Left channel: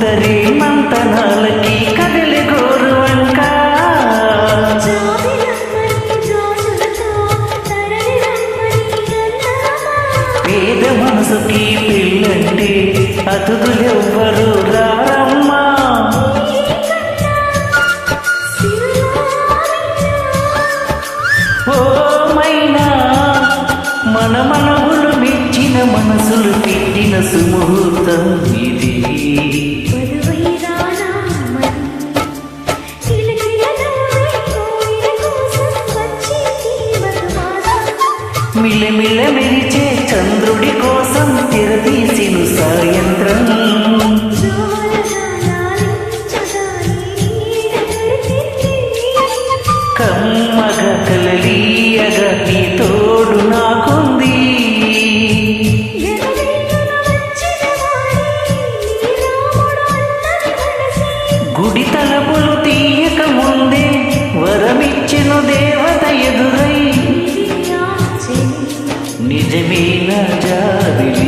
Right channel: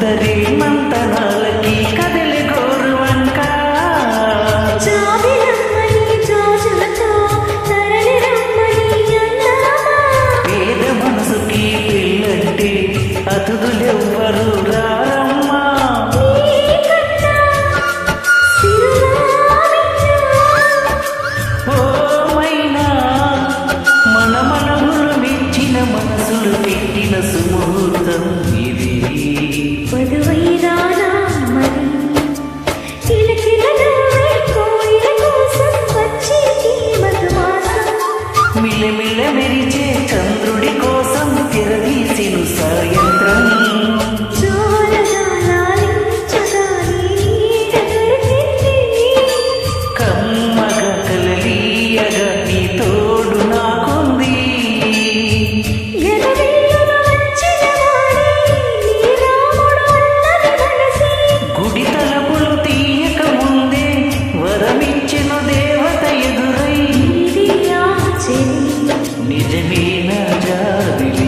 ఉద్దరి మంతనాలకి కదలి గోరువంక పేద మనసుకి పెళ్ళంటే అతిథులెవ్వరు రారమ్మా. ఓ మైనా మన మనవులు మెచ్చిన మనసులు పెట్టిన సుముహూర్తం ఇది. మిలమిల మెరిచే చంద్రుడి కోసం తెరదీసిను సాయంత్రం. కమ్మగా కలలీయగా నీ తోడు నాకుంది. గుడి తలుపులు తీయక ముందే వరమిచ్చెను దేవత ఎదురై. నిజమేనా జాబిలి